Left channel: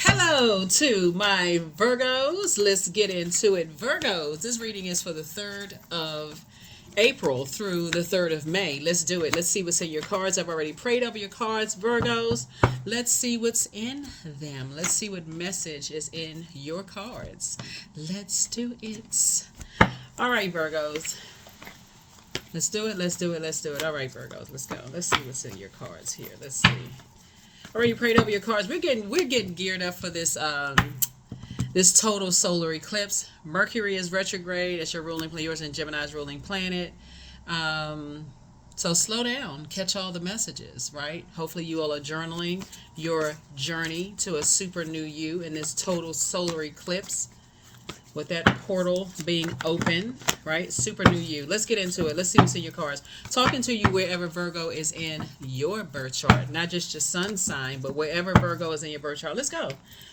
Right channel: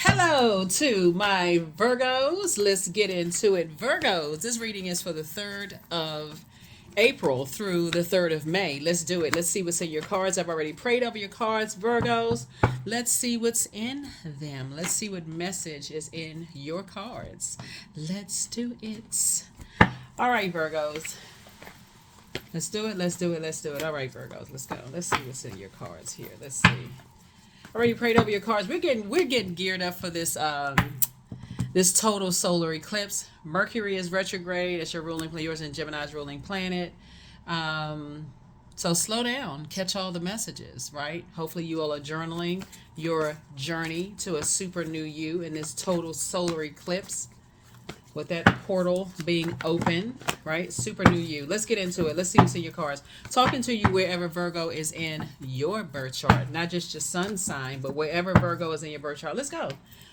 Hello to my Virgos. Let's get into it. Virgos, this reading is for the 3rd of April through the 3rd of May. Let's do it. Let's see what's in your cards. I've already prayed over your cards, Virgos. Let's see what's in them. Let's see what message is in your cards. Let's do it. All right, Virgos. Let's do it. Let's do it. Let's do it. All right, Virgos. Let's go. Let's see what's in your cards here. Let's see. Already prayed over your cards. We're getting geared up for this total solar eclipse. Mercury is retrograde. It's your ruling planet. Yours and Gemini's ruling planet. So slow down. Catch all the messages, right? Hopefully you all are journaling your journey to a super new you in this total solar eclipse, with that portal being open, right? Super new you. Let's get into it. Let's see what's in your cards. Talking to you wherever Virgo is in your birth chart, not just your sun sign, but wherever Virgo is in your birth chart. Let's go.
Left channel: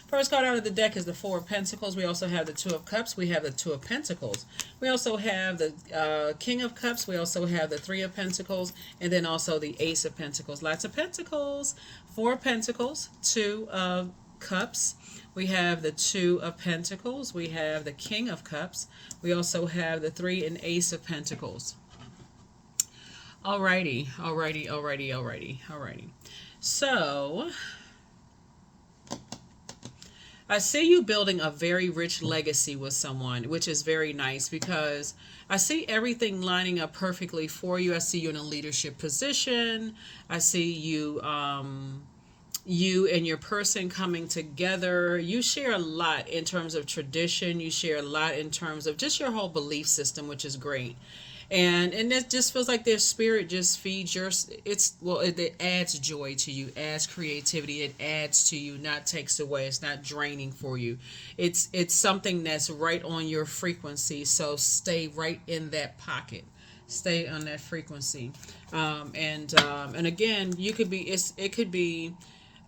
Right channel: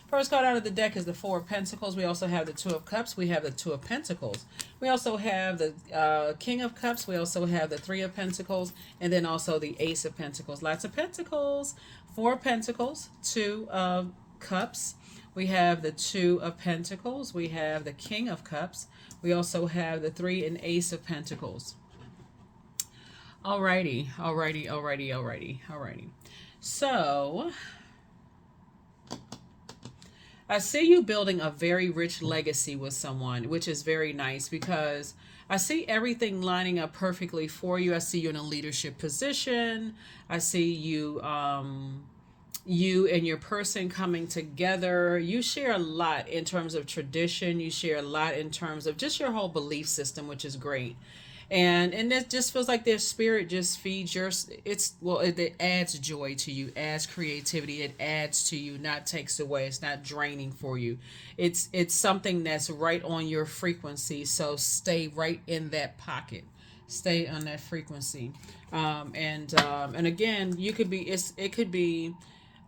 First card out of the deck is the Four of Pentacles. We also have the Two of Cups. We have the Two of Pentacles. We also have the King of Cups. We also have the Three of Pentacles, and then also the Ace of Pentacles. Lots of Pentacles. Four of Pentacles, Two of Cups. We have the Two of Pentacles. We have the King of Cups. We also have the Three and Ace of Pentacles. Alrighty. So, I see you building a very rich legacy with someone, which is very nice because I see everything lining up perfectly for you. I see you in a leadership position. I see you you and your person coming together. You share a lot in terms of tradition. You share a lot in terms of just your whole belief system, which is great. And it just feels like their spirit just feeds your, it adds joy to you, adds creativity, it adds to you, not takes away. It's not draining for you. It's something that's right on your frequency. So stay right in that pocket. Stay on that frequency. And again, it could be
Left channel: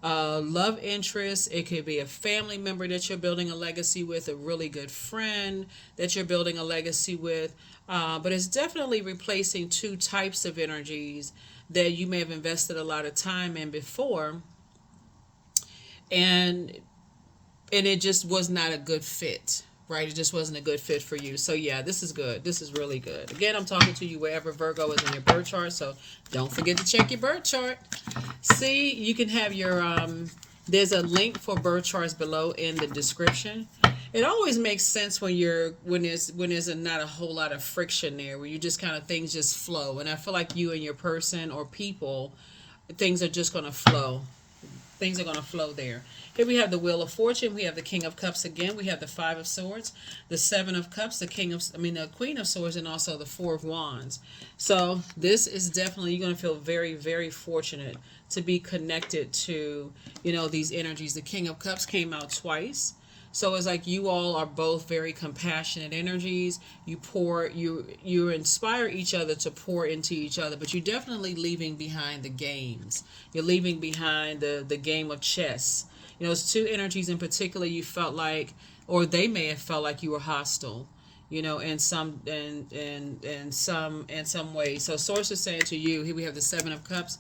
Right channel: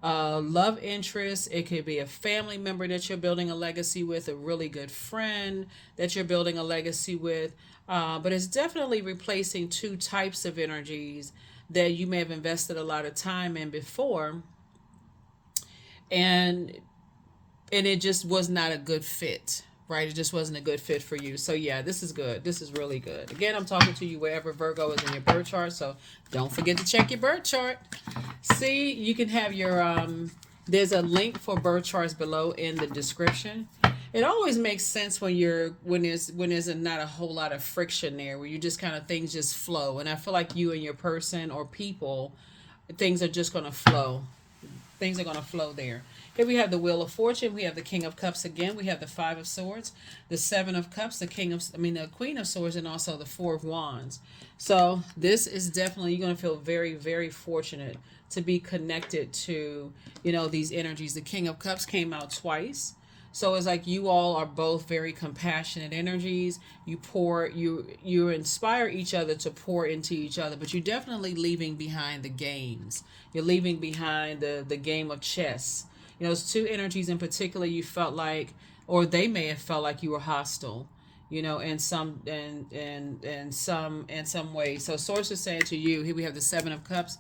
a love interest. It could be a family member that you're building a legacy with, a really good friend that you're building a legacy with. But it's definitely replacing two types of energies that you may have invested a lot of time in before, and it just was not a good fit, right? It just wasn't a good fit for you. So yeah, this is good. This is really good. Again, I'm talking to you wherever Virgo is in your birth chart, so don't forget to check your birth chart. See, you can have your there's a link for birth charts below in the description. It always makes sense when there's not a whole lot of friction there, where you just kind of things just flow. And I feel like you and your person or people, things are just going to flow. Things are going to flow there. Here we have the Wheel of Fortune. We have the King of Cups again. We have the Five of Swords, the Seven of Cups, the Queen of Swords, and also the Four of Wands. So this is definitely, you're going to feel very, very fortunate to be connected to, these energies. The King of Cups came out twice. So it's like you all are both very compassionate energies. You inspire each other to pour into each other, but you're definitely leaving behind the games. You're leaving behind the game of chess. It's two energies in particular you felt like, or they may have felt like you were hostile, in some ways. So source is saying to you, here we have the Seven of Cups.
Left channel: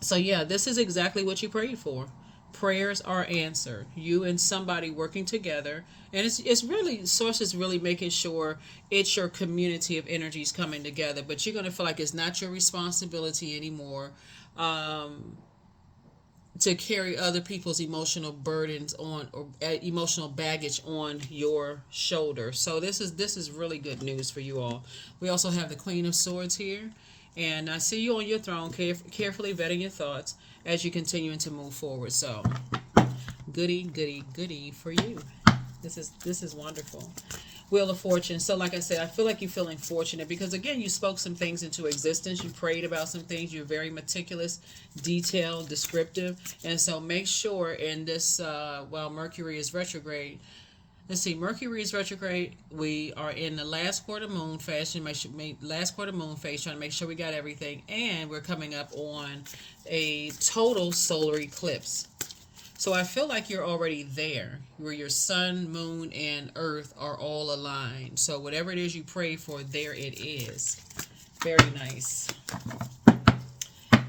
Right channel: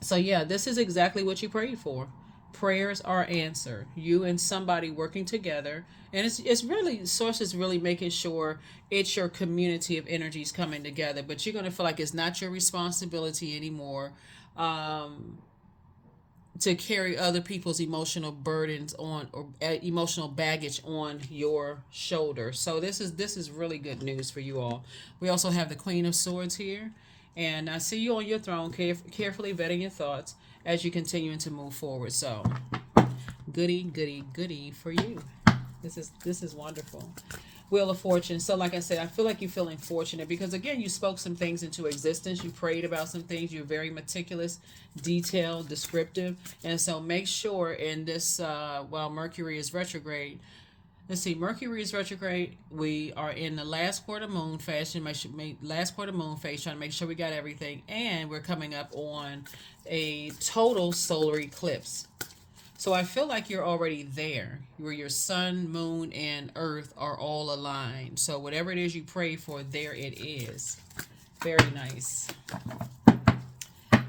So yeah, this is exactly what you prayed for. Prayers are answered. You and somebody working together, and it's really, source is really making sure it's your community of energies coming together. But you're going to feel like it's not your responsibility anymore to carry other people's emotional burdens on, or emotional baggage on your shoulder. So this is really good news for you all. We also have the Queen of Swords here, and I see you on your throne, carefully vetting your thoughts as you continue to move forward. So goody for you. This is wonderful. Wheel of Fortune. So like I said, I feel like you're feeling fortunate because, again, you spoke some things into existence. You prayed about some things. You're very meticulous, detailed, descriptive. And so make sure in this, while Mercury is retrograde, let's see, Mercury is retrograde. We are in the last quarter moon phase. Last quarter moon phase, trying to make sure we got everything. And we're coming up on a total solar eclipse. So I feel like you're already there, where your sun, moon, and earth are all aligned. So whatever it is you pray for, there it is. Very nice.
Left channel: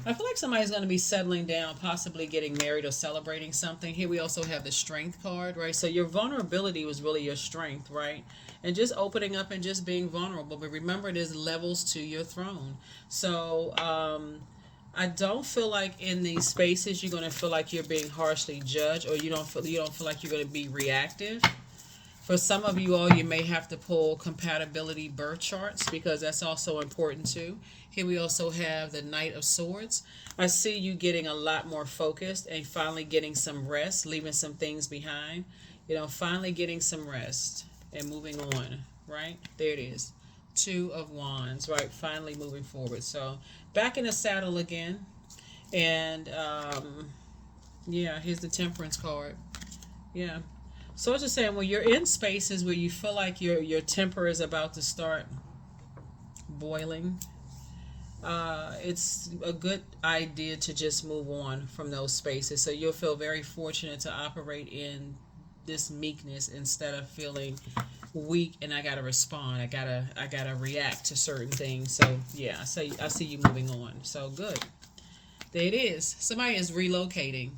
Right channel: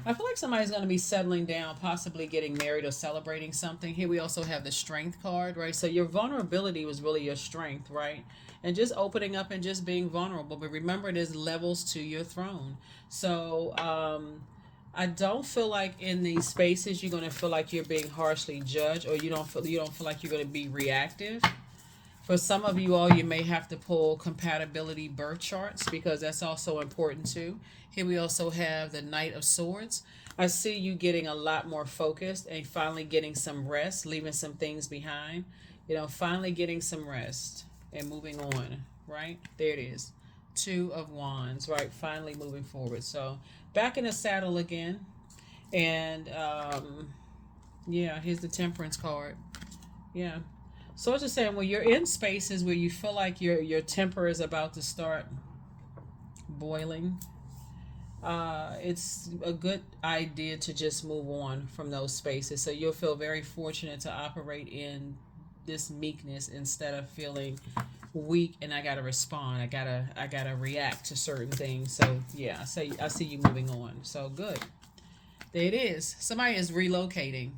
I feel like somebody's going to be settling down, possibly getting married or celebrating something. Here we also have the strength card, right? So your vulnerability was really your strength, right? And just opening up and just being vulnerable. But remember, there's levels to your throne. So I don't feel like in these spaces you're going to feel like you're being harshly judged, or you don't feel like you're going to be reactive. For some of you all, you may have to pull compatibility birth charts because that's also important too. Here we also have the Knight of Swords. I see you getting a lot more focused and finally getting some rest, leaving some things behind. Finally getting some rest and moving on, right? There it is. Two of Wands, right? Finally moving forward. So back in the saddle again. And yeah, here's the Temperance card. Yeah. So it's just saying when you're in spaces where you feel like your temper is about to start boiling, it's a good idea to just move on from those spaces. So you'll feel very fortunate to operate in this meekness instead of feeling weak and I gotta respond. I gotta react to certain things. So yeah, I see you moving on. So good. There it is. Somebody is relocating.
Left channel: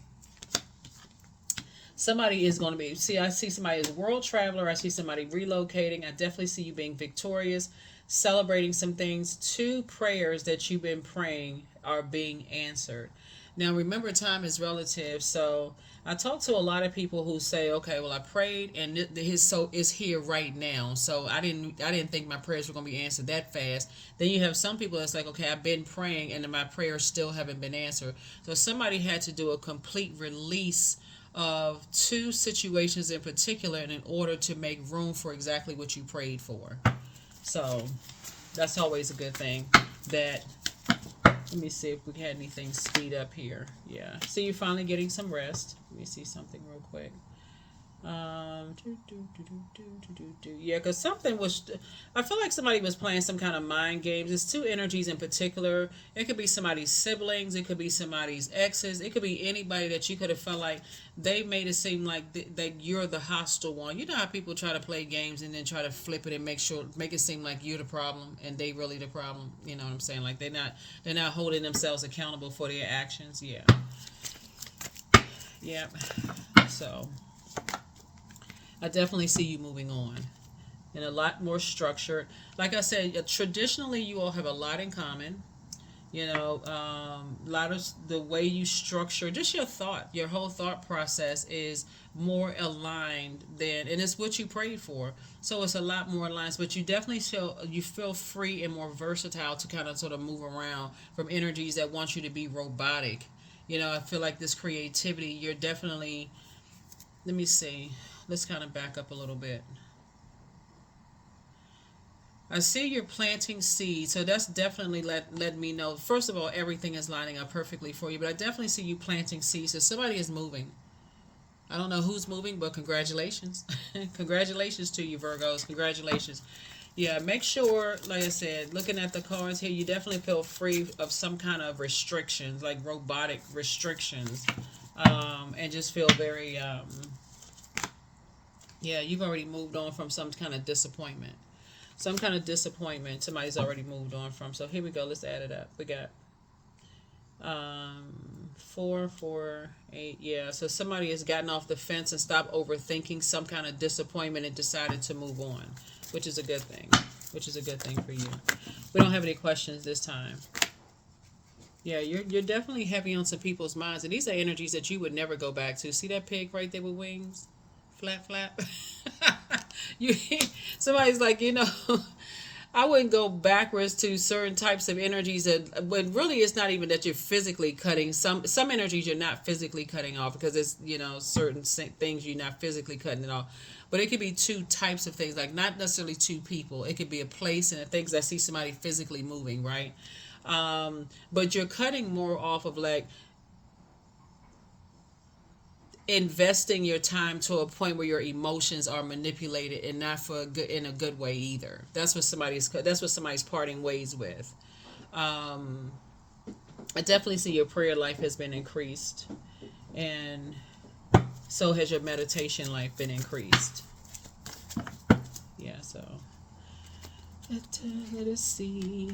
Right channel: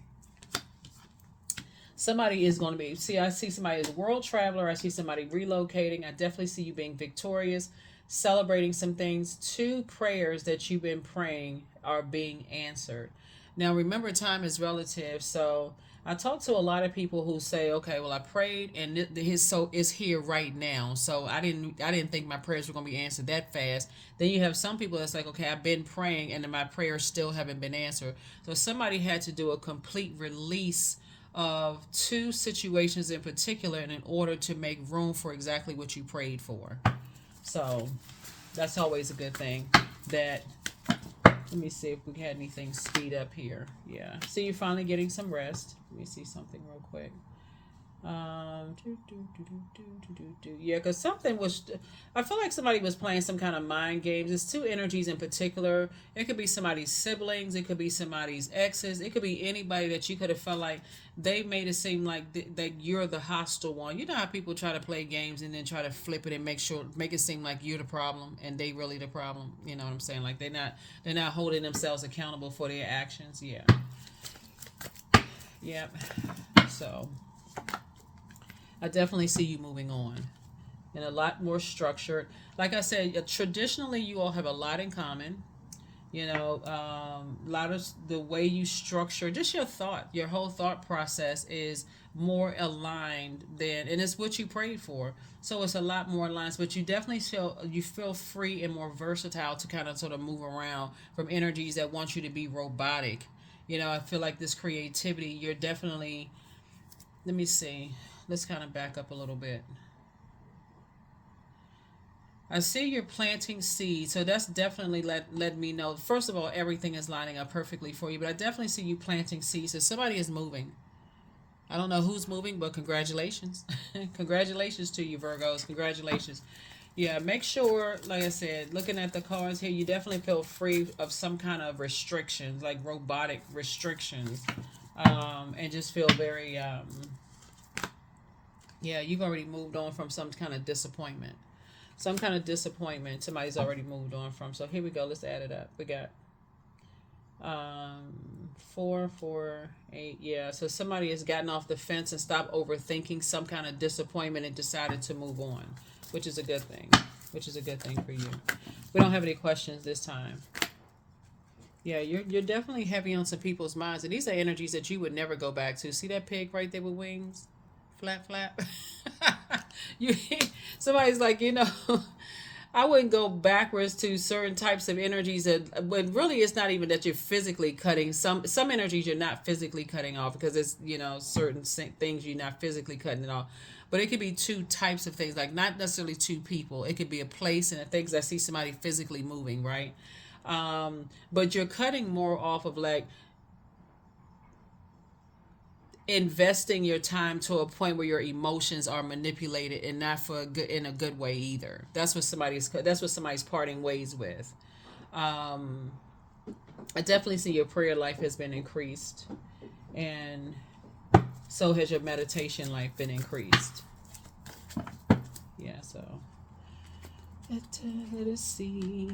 Somebody is going to be, I see somebody as a world traveler. I see somebody relocating. I definitely see you being victorious, celebrating some things. 2 prayers that you've been praying are being answered. Now, remember, time is relative. So I talk to a lot of people who say, okay, well, I prayed and his soul is here right now. So I didn't think my prayers were going to be answered that fast. Then you have some people that's like, okay, I've been praying and my prayers still haven't been answered. So somebody had to do a complete release of 2 situations in particular in order to make room for exactly what you prayed for. So that's always a good thing. Let me see if we had anything speed up here. Yeah. So you're finally getting some rest. Let me see something real quick. Yeah, because something was, I feel like somebody was playing some kind of mind games. There's 2 energies in particular. It could be somebody's siblings. It could be somebody's exes. It could be anybody that you could have felt like they made it seem like that you're the hostile one. You know how people try to play games and then try to flip it and make it seem like you're the problem and they really the problem. You know what I'm saying? Like they're not holding themselves accountable for their actions. Yeah. Yeah. So I definitely see you moving on and a lot more structured. Like I said, traditionally you all have a lot in common. A lot of the way you structure, just your whole thought process is more aligned and it's what you prayed for. So it's a lot more aligned, but you definitely feel free and more versatile to kind of sort of move around from energies that want you to be robotic. I feel like this creativity, you're definitely, let me see. Let's kind of back up a little bit. I see you're planting seeds, so that's definitely let me know. First of all, everything is lining up perfectly for you, but I definitely see you planting seeds. So somebody is moving. I don't know who's moving, but congratulations. Congratulations to you, Virgos. Congratulations. Yeah, make sure, like I said, looking at the cards here, you definitely feel free of some kind of restrictions, like robotic restrictions, and just feel very, yeah, you've already moved on from some kind of disappointment. Some kind of disappointment somebody's already moved on from. So here we go. Let's add it up. We got 4, 4, 8. Yeah. So somebody has gotten off the fence and stopped overthinking some kind of disappointment and decided to move on, which is a good thing. Which is a good thing for you. We don't have any questions this time. Yeah, you're definitely heavy on some people's minds, and these are energies that you would never go back to. See that pig right there with wings? Flap, flap. you Somebody's like, I wouldn't go backwards to certain types of energies but really it's not even that you're physically cutting some energies you're not physically cutting off because it's certain things you're not physically cutting it off, but it could be 2 types of things, like not necessarily 2 people. It could be a place and a thing, 'cause I see somebody physically moving, right? But you're cutting more off of like investing your time to a point where your emotions are manipulated and not in a good way either. That's what somebody's parting ways with. I definitely see your prayer life has been increased, and so has your meditation life been increased. Yeah, so let us see.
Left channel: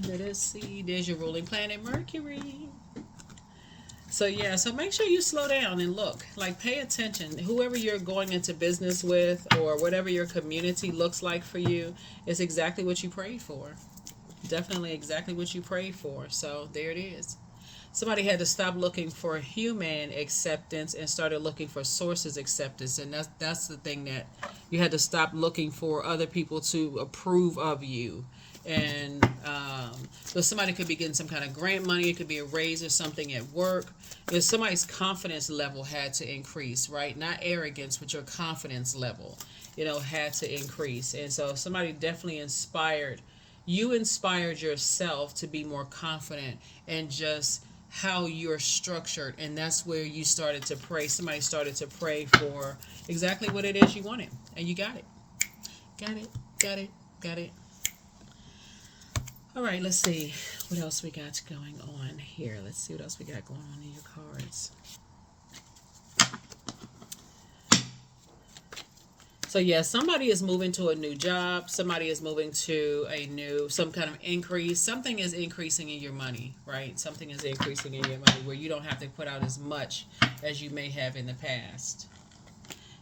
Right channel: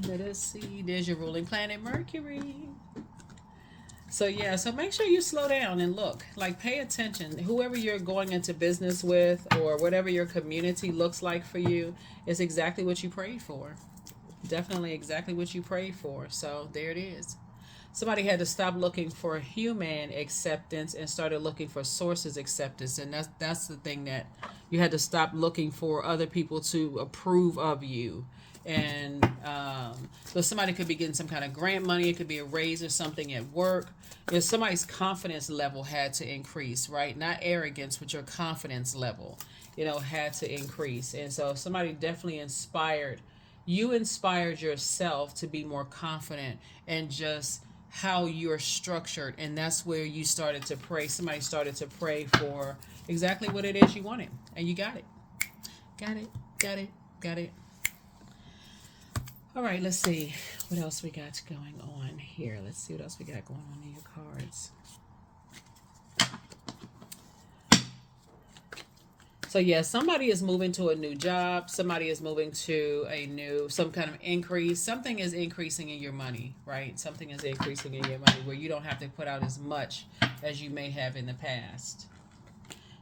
There's your ruling planet, Mercury. So yeah, so make sure you slow down and look, like pay attention. Whoever you're going into business with or whatever your community looks like for you is exactly what you prayed for. Definitely exactly what you prayed for. So there it is. Somebody had to stop looking for human acceptance and started looking for sources acceptance, and that's the thing, that you had to stop looking for other people to approve of you. And so somebody could be getting some kind of grant money, it could be a raise or something at work. If somebody's confidence level had to increase, right? Not arrogance, but your confidence level, had to increase. And so somebody definitely inspired yourself to be more confident and just how you're structured. And that's where you started to pray. Somebody started to pray for exactly what it is you wanted, and you got it. Got it. Got it. Got it. All right, let's see what else we got going on here. Let's see what else we got going on in your cards. So yeah, somebody is moving to a new job. Somebody is moving to some kind of increase. Something is increasing in your money, right? Something is increasing in your money where you don't have to put out as much as you may have in the past.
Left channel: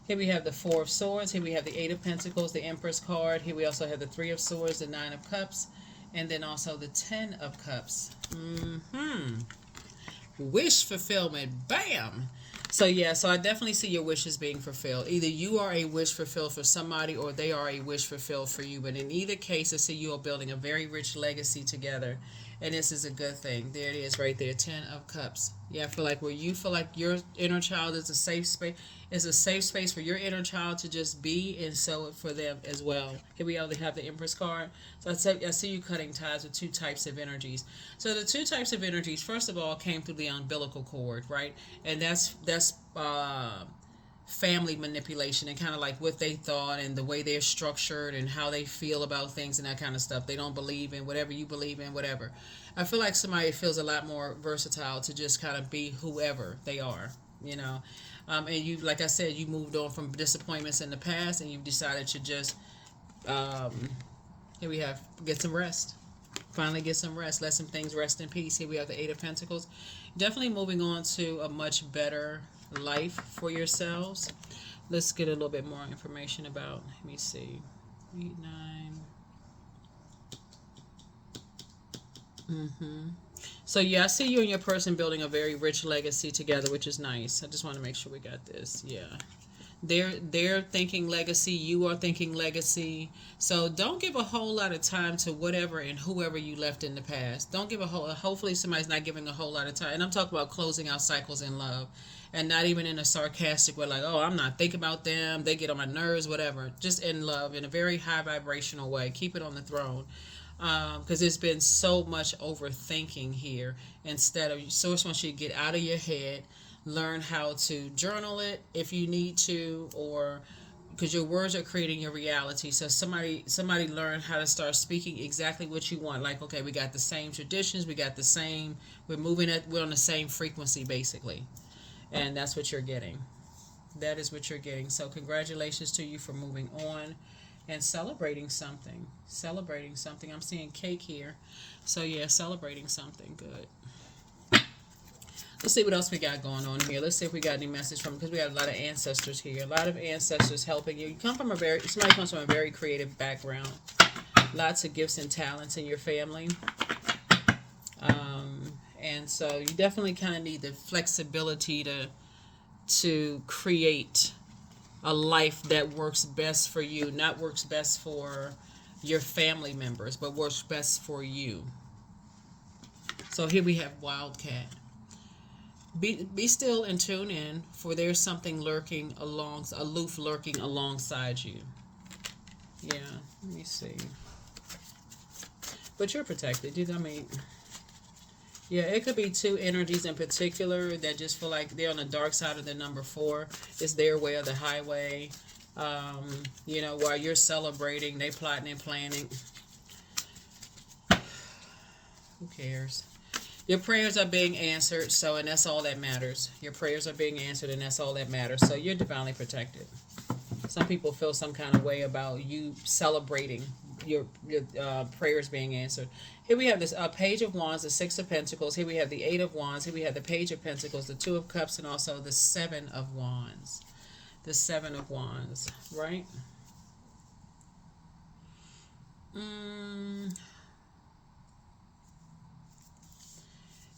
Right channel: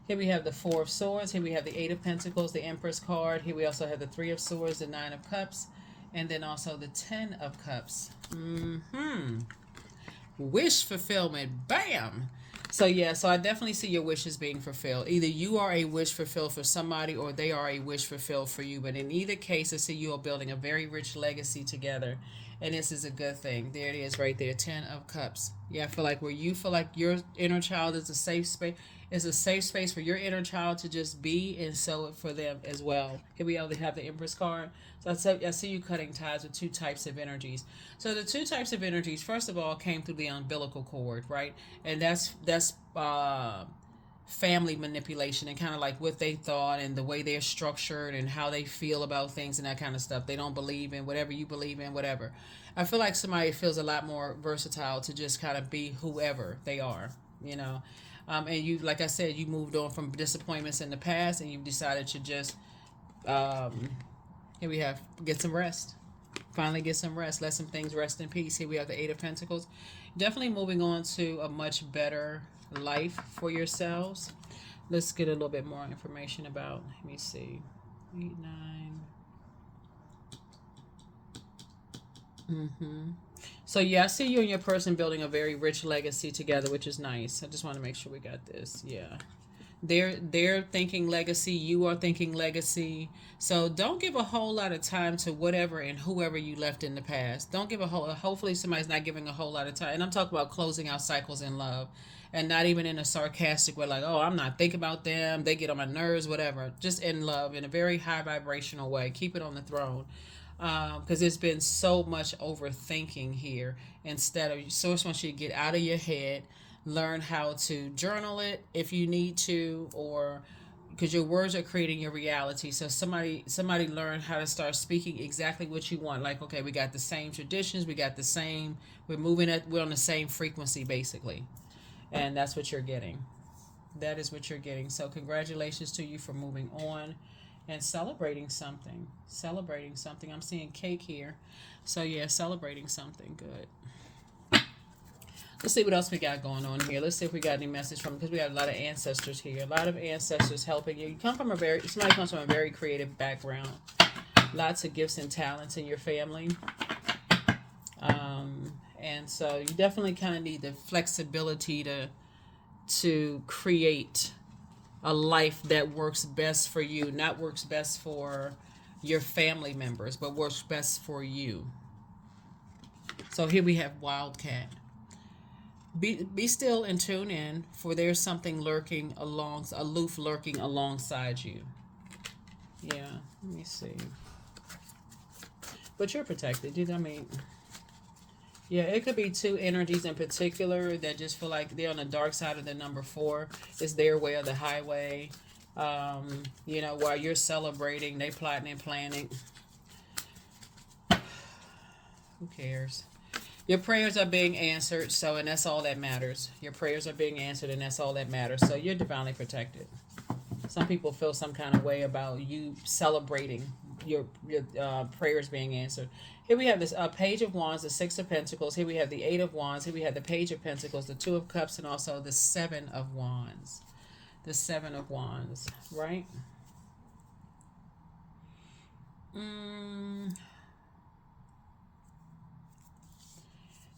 Here we have the Four of Swords. Here we have the Eight of Pentacles, the Empress card. Here we also have the Three of Swords, the Nine of Cups, and then also the Ten of Cups. Wish fulfillment. Bam! So yeah, so I definitely see your wishes being fulfilled. Either you are a wish fulfilled for somebody or they are a wish fulfilled for you. But in either case, I see you are building a very rich legacy together. And this is a good thing. There it is right there, Ten of Cups. Yeah, I feel like where you feel like your inner child is a safe space. It's a safe space for your inner child to just be, and so for them as well. Here we already have the Empress card. So I see you cutting ties with two types of energies. So the two types of energies, first of all, came through the umbilical cord, right? And that's family manipulation and kind of like what they thought and the way they're structured and how they feel about things and that kind of stuff. They don't believe in whatever you believe in, whatever. I feel like somebody feels a lot more versatile to just kind of be whoever they are. And you, like I said, you moved on from disappointments in the past and you decided to just, here we have, get some rest. Finally get some rest. Let some things rest in peace. Here we have the Eight of Pentacles. Definitely moving on to a much better life for yourselves. Let's get a little bit more information about, let me see, 8, 9. So yeah, I see you and your person building a very rich legacy together, which is nice. I just want to make sure we got this. Yeah. They're thinking legacy, you are thinking legacy. So don't give a whole lot of time to whatever and whoever you left in the past. Don't give hopefully somebody's not giving a whole lot of time. And I'm talking about closing out cycles in love. And not even in a sarcastic way, like, oh, I'm not thinking about them, they get on my nerves, whatever. Just in love, in a very high vibrational way. Keep it on the throne. Because there's been so much overthinking here. Instead of, Source wants you to get out of your head, learn how to journal it if you need to, or because your words are creating your reality. So somebody learn how to start speaking exactly what you want. Like, okay, we got the same traditions, we're on the same frequency basically, and that's what you're getting. That is what you're getting. So congratulations to you for moving on and celebrating something. I'm seeing cake here. So yeah, celebrating something good. Let's see what else we got going on here. Let's see if we got any message from, because we have a lot of ancestors here. A lot of ancestors helping you. Somebody comes from a very creative background. Lots of gifts and talents in your family. And so you definitely kind of need the flexibility to create a life that works best for you, not works best for your family members, but works best for you. So here we have Wildcat. Be still and tune in, for there's something aloof lurking alongside you. Yeah, let me see. But you're protected. Yeah, it could be two energies in particular that just feel like they're on the dark side of the number 4. It's their way or the highway. While you're celebrating, they plotting and planning. Who cares? Your prayers are being answered, and that's all that matters. Your prayers are being answered, and that's all that matters. So you're divinely protected. Some people feel some kind of way about you celebrating your prayers being answered. Here we have this Page of Wands, the Six of Pentacles. Here we have the Eight of Wands. Here we have the Page of Pentacles, the Two of Cups, and also the Seven of Wands. The Seven of Wands, right?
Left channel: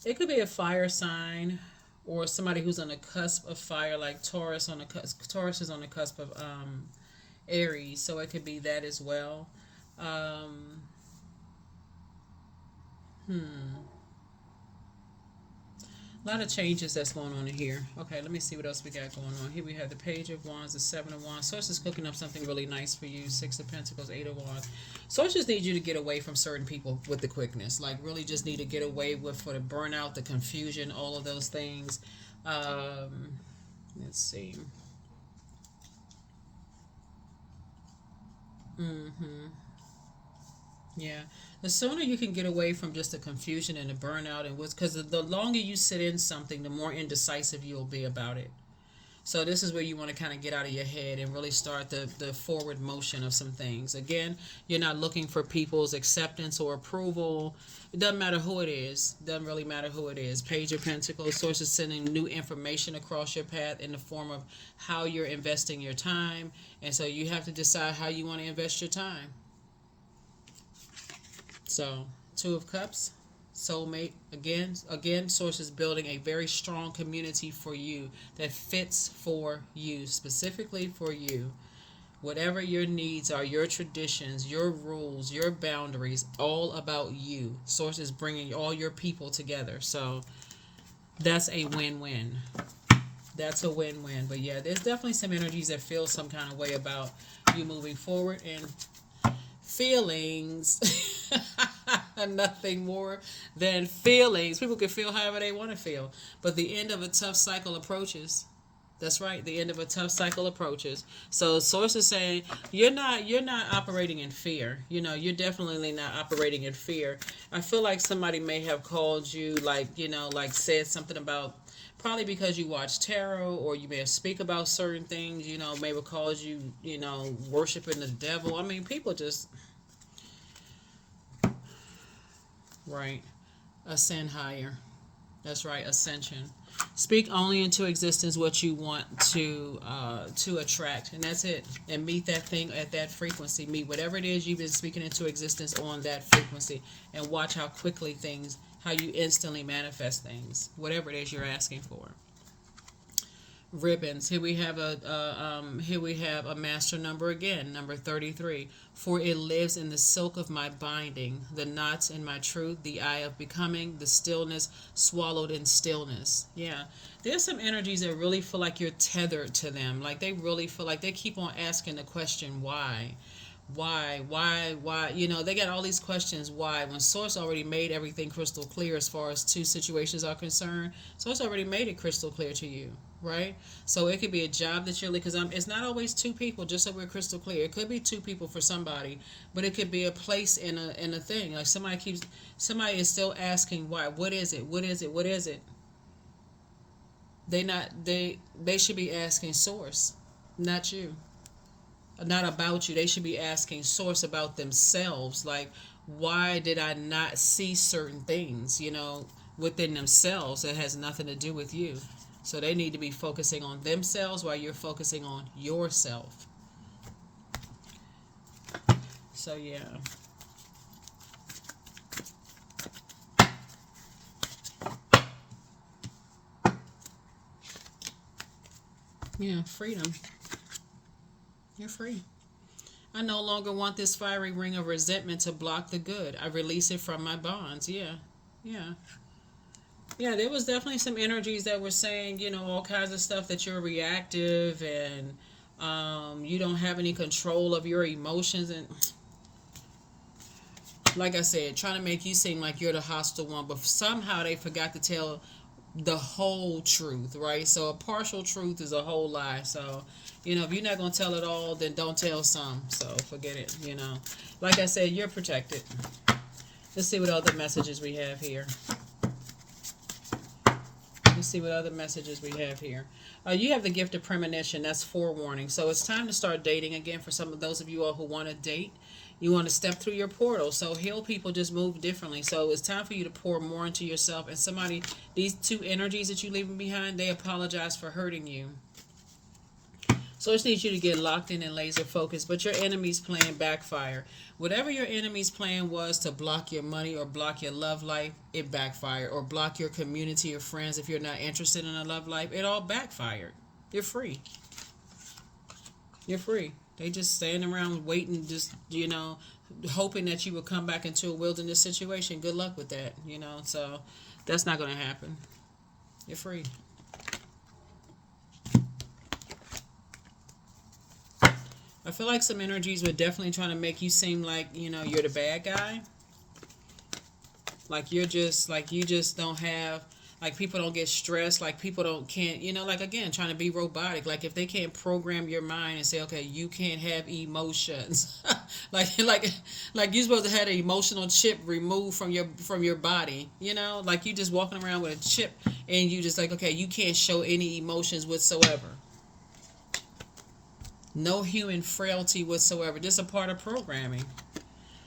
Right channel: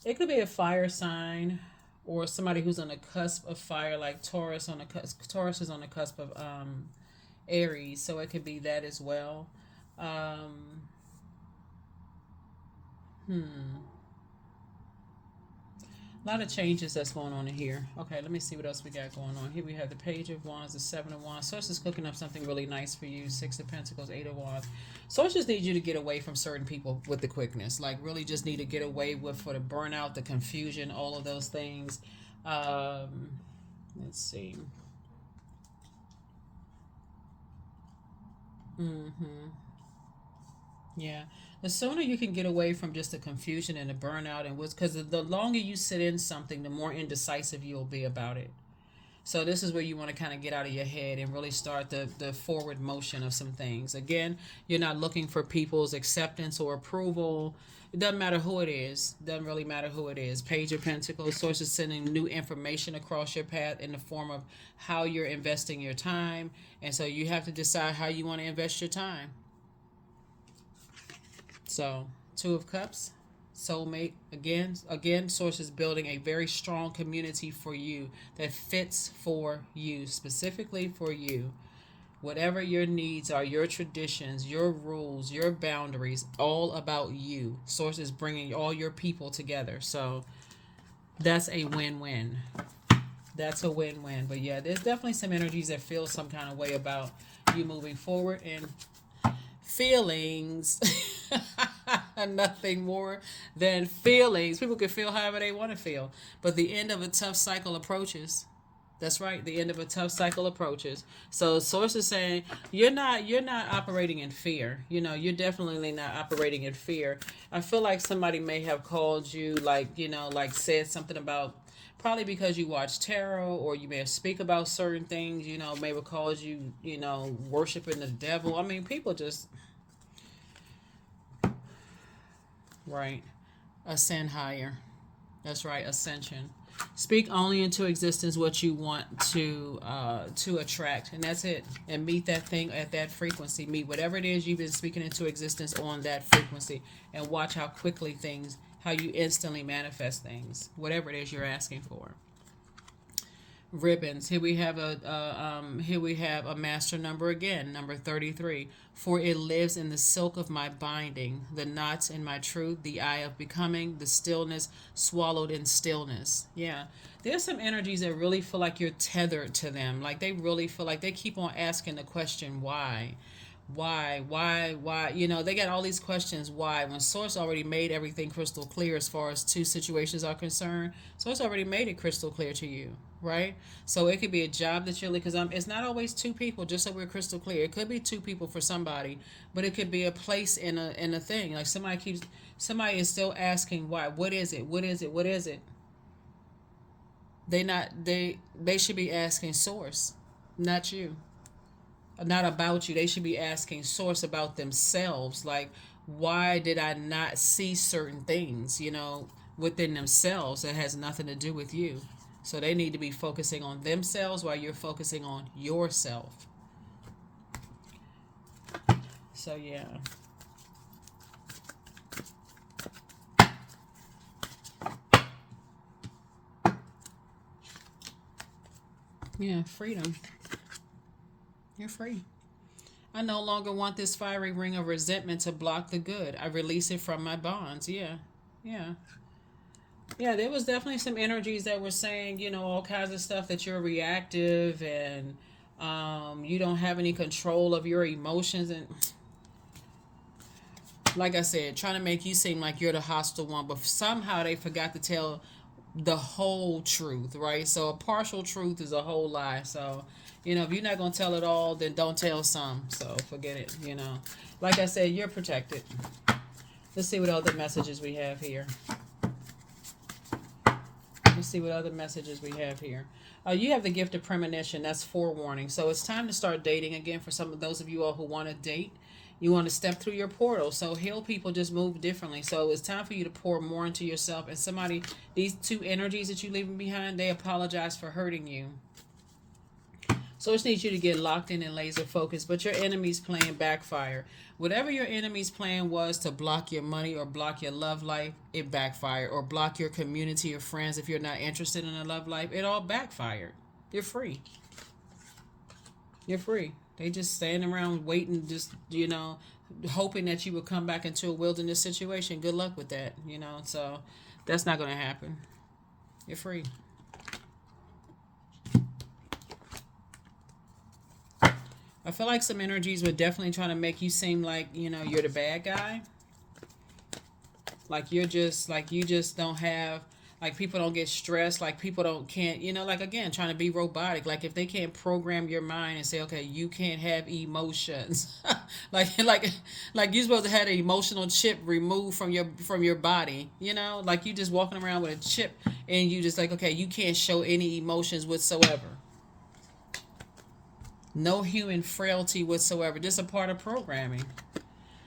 It could be a fire sign or somebody who's on the cusp of fire, like Taurus on the cusp. Taurus is on the cusp of Aries, so it could be that as well. Um, A lot of changes that's going on in here. Okay, let me see what else we got going on. Here we have the Page of Wands, the Seven of Wands. Source is cooking up something really nice for you. Six of Pentacles, Eight of Wands. Source just needs you to get away from certain people with the quickness. Like, really just need to get away with for the burnout, the confusion, all of those things. Let's see. Yeah. The sooner you can get away from just the confusion and the burnout and what's, because the longer you sit in something, the more indecisive you'll be about it. So this is where you want to kind of get out of your head and really start the forward motion of some things. Again, you're not looking for people's acceptance or approval. It doesn't matter who it is. Doesn't really matter who it is. Page of Pentacles, Source is sending new information across your path in the form of how you're investing your time. And so you have to decide how you want to invest your time. So, Two of Cups, soulmate. Again, Source is building a very strong community for you that fits for you, specifically for you. Whatever your needs are, your traditions, your rules, your boundaries, all about you. Source is bringing all your people together. So, that's a win-win. That's a win-win. But yeah, there's definitely some energies that feel some kind of way about you moving forward, and feelings. Nothing more than feelings. People can feel however they want to feel, but the end of a tough cycle approaches. That's right, the end of a tough cycle approaches. So Source is saying you're not operating in fear. You're definitely not operating in fear. I feel like somebody may have called you, like said something about, probably because you watch tarot, or you may have speak about certain things, may have called you, worshiping the devil. I mean, people just, right, ascend higher. That's right, ascension. Speak only into existence what you want to attract, and that's it. And meet that thing at that frequency. Meet whatever it is you've been speaking into existence on that frequency, and watch how quickly how you instantly manifest things, whatever it is you're asking for. Ribbons. Here we have a master number again, number 33. For it lives in the silk of my binding, the knots in my truth, the eye of becoming, the stillness swallowed in stillness. Yeah. There's some energies that really feel like you're tethered to them. Like, they really feel like they keep on asking the question, why? Why? They got all these questions. Why? When Source already made everything crystal clear as far as two situations are concerned. Source already made it crystal clear to you, right? So it could be a job that you're, because it's not always two people, just so we're crystal clear. It could be two people for somebody, but it could be a place in a thing. Like, somebody is still asking why. What is it? What is it? What is it? They should be asking Source, not you. Not about you. They should be asking Source about themselves. Like, why did I not see certain things, within themselves that has nothing to do with you? So they need to be focusing on themselves while you're focusing on yourself. So yeah. Yeah, freedom. You're free. I no longer want this fiery ring of resentment to block the good. I release it from my bonds. Yeah. Yeah. Yeah, there was definitely some energies that were saying, all kinds of stuff, that you're reactive, and you don't have any control of your emotions. And like I said, trying to make you seem like you're the hostile one, but somehow they forgot to tell the whole truth, right? So a partial truth is a whole lie. So, if you're not going to tell it all, then don't tell some. So forget it, Like I said, you're protected. Let's see what other messages we have here. Let's see what other messages we have here. You have the gift of premonition. That's forewarning. So it's time to start dating again for some of those of you all who want to date. You want to step through your portal. So heal people just move differently. So it's time for you to pour more into yourself. And somebody, these two energies that you're leaving behind, they apologize for hurting you. So I just need you to get locked in and laser focused. But your enemy's plan backfire. Whatever your enemy's plan was to block your money or block your love life, it backfired. Or block your community or friends if you're not interested in a love life, it all backfired. You're free. You're free. They just standing around waiting, just, hoping that you will come back into a wilderness situation. Good luck with that, So that's not going to happen. You're free. I feel like some energies were definitely trying to make you seem like, you're the bad guy. Like you just don't have, like people don't get stressed, like people can't, again, trying to be robotic. Like if they can't program your mind and say, okay, you can't have emotions. like you're supposed to have an emotional chip removed from your body, like you just walking around with a chip and you just like, okay, you can't show any emotions whatsoever. No human frailty whatsoever. Just a part of programming.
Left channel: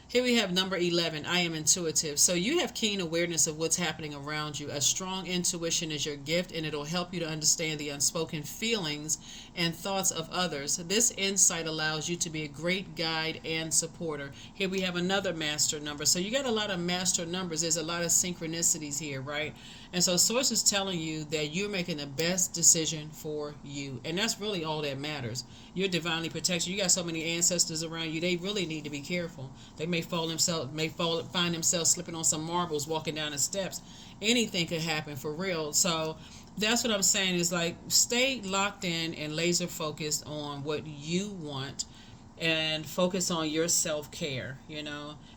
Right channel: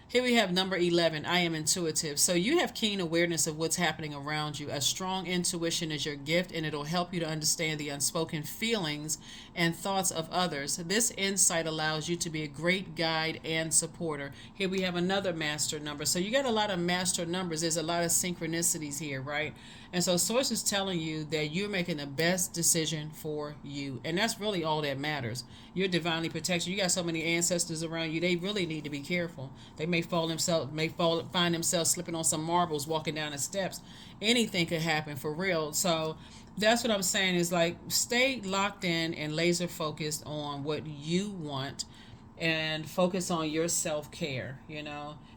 Here we have number 11. I am intuitive. So you have keen awareness of what's happening around you. A strong intuition is your gift, and it'll help you to understand the unspoken feelings and thoughts of others. This insight allows you to be a great guide and supporter. Here we have another master number. So you got a lot of master numbers. There's a lot of synchronicities here, right? And so Source is telling you that you're making the best decision for you. And that's really all that matters. You're divinely protected. You got so many ancestors around you. They really need to be careful. They may find themselves slipping on some marbles, walking down the steps. Anything could happen for real. So that's what I'm saying is like stay locked in and laser focused on what you want and focus on your self-care,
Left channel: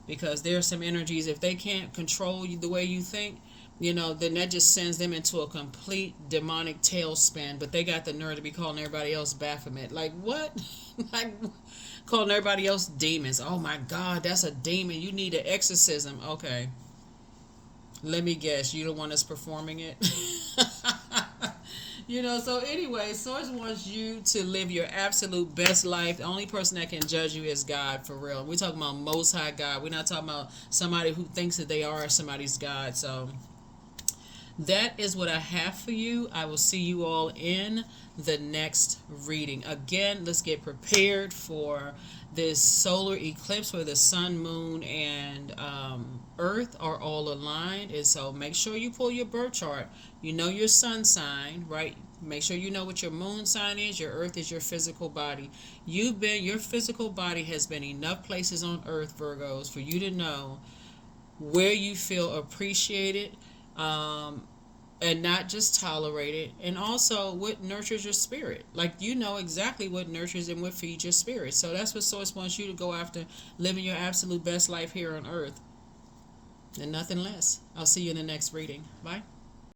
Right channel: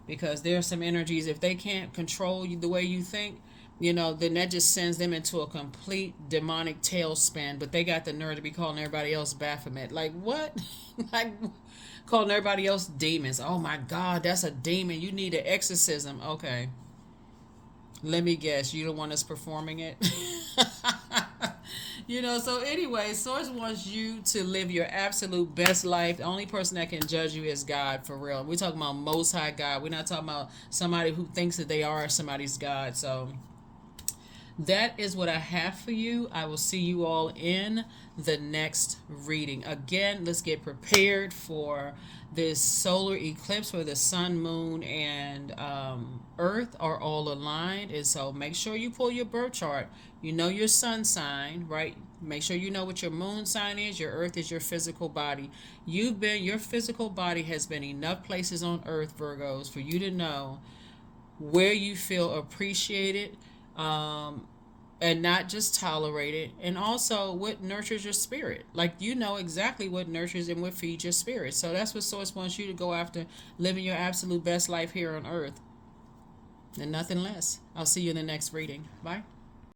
because there are some energies, if they can't control you the way you think, then that just sends them into a complete demonic tailspin. But they got the nerve to be calling everybody else Baphomet. Like, what? Like, calling everybody else demons. Oh, my God, that's a demon. You need an exorcism. Okay. Let me guess. You the one that's performing it? So anyway, Source wants you to live your absolute best life. The only person that can judge you is God, for real. We're talking about Most High God. We're not talking about somebody who thinks that they are somebody's God. So that is what I have for you. I will see you all in the next reading. Again, let's get prepared for this solar eclipse where the sun, moon, and earth are all aligned. And so make sure you pull your birth chart. You know your sun sign, right? Make sure you know what your moon sign is. Your earth is your physical body. Your physical body has been enough places on earth, Virgos, for you to know where you feel appreciated, and not just tolerated, and also what nurtures your spirit. Like you know exactly what nurtures and what feeds your spirit. So that's what Source wants you to go after, living your absolute best life here on earth, and nothing less. I'll see you in the next reading. Bye.